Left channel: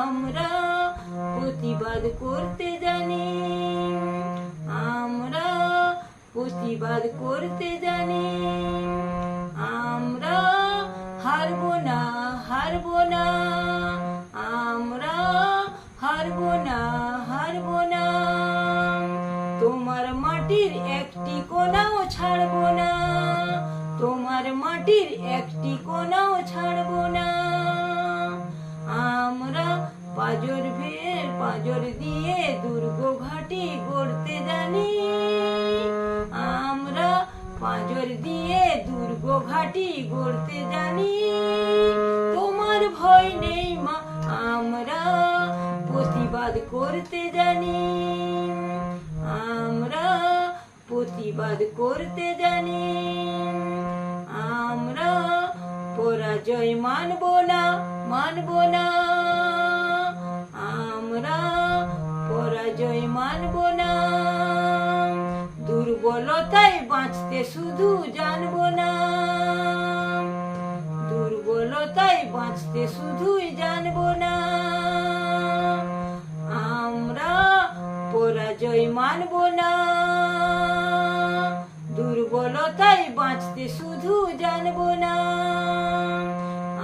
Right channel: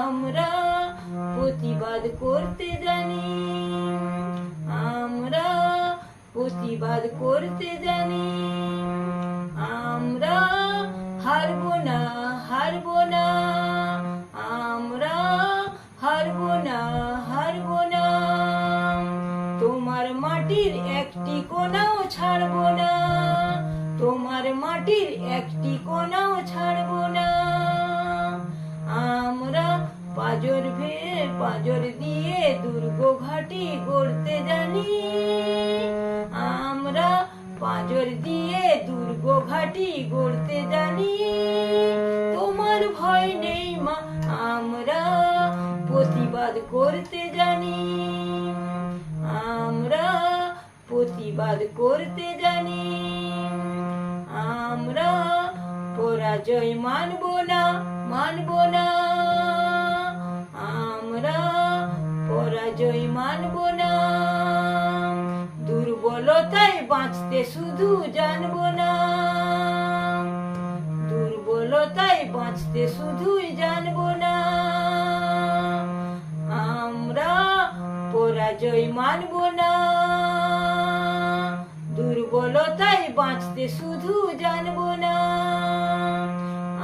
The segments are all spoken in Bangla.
আমরা প্রতিবাদ করতে জানি। আমরা প্রতিবাদ করতে জানি। আমরা হারবো না হারবো না। আমরা হারবো না হারবো না। তোমার মাটির একটি কোনাও ছাড়বো না। তোমার মাটির একটি কোনাও ছাড়বো না। পাজর ভের পাজর দিয়ে দুর্গ ঘাটি গড়তে জানি। আমরা পাজর দিয়ে দুর্গ ঘাটি গড়তে জানি। তোমার ভয় নেই মা, আমরা প্রতিবাদ করতে জানি। আমরা প্রতিবাদ করতে জানি। আমরা পরাজয় মানব না মানব না। পরাজয় মানব না। দুর্বলতায় বাঁচতে শুধু জানব না। দুর্বলতায় বাঁচতে শুধুই জানব না। আমরা পরাজয় মানব না। দুর্বলতায় বাঁচতে শুধু জানব না।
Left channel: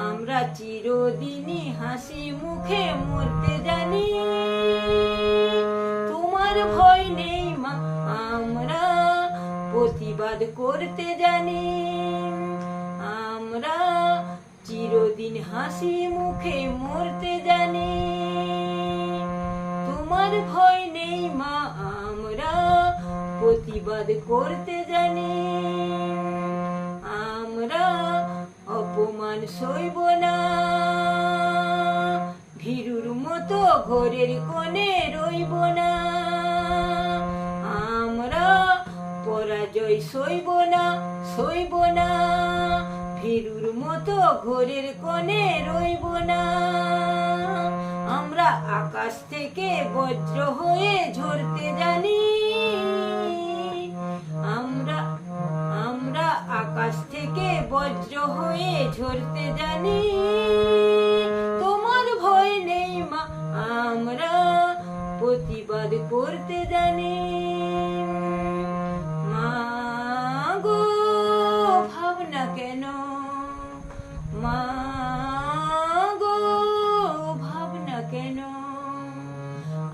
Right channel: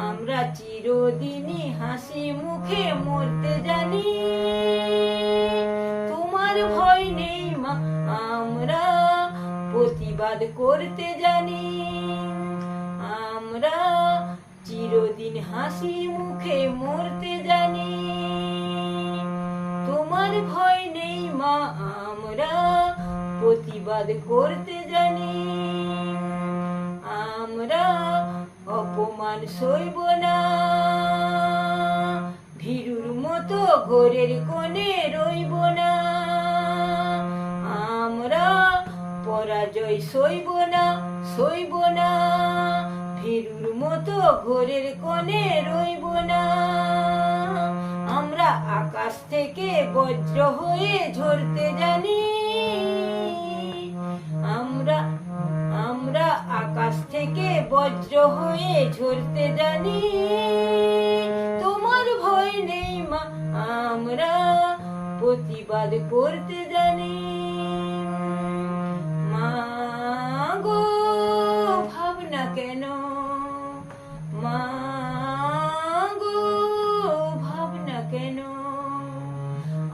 আমরা চিরদিনই হাসি মুখে মরতে জানি। নেই আমরা প্রতিবাদ করতে জানি। আমরা চিরদিন হাসি মুখে মরতে জানি। তোমার ভয় নেই মা, আমরা প্রতিবাদ করতে জানি। আমরা অপমান সইব না। ভীরুর মতো ঘরের কোণে রইব না। পরাজয় সইব না সইব না। ভীরুর মতো ঘোরের কোণে রইব না। আমরা আকাশ থেকে বজ্র হয়ে ঝরতে জানি। আমরা আমরা আকাশ থেকে বজ্র হয়ে ঝরতে জানি। তোমার ভয় নেই মা, আমরা প্রতিবাদ করতে জানি।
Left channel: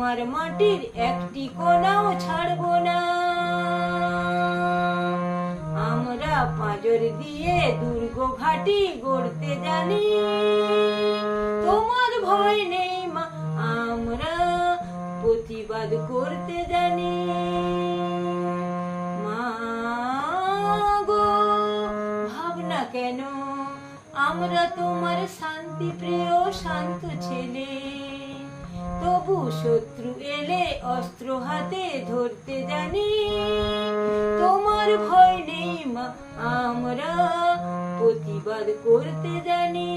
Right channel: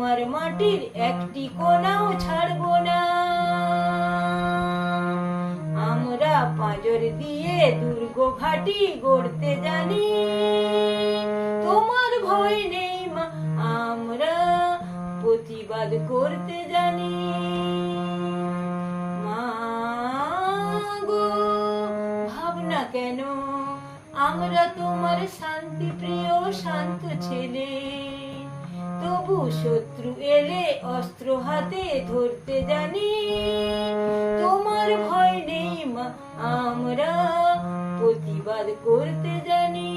তোমার মাটির একটি কোনাও ছাড়বো না। আমরা পাঁজর দিয়ে দুর্গ ঘাটি গড়তে জানি। তোমার ভয় নেই মা, আমরা প্রতিবাদ করতে জানি। মা গো, ভাবনা কেন? আমরা তোমার শান্তি প্রিয় শান্ত ছেলে। শত্রু এলে অস্ত্র হাতে ধরতে জানি। তোমার ভয় নেই মা আমরা প্রতিবাদ করতে জানি।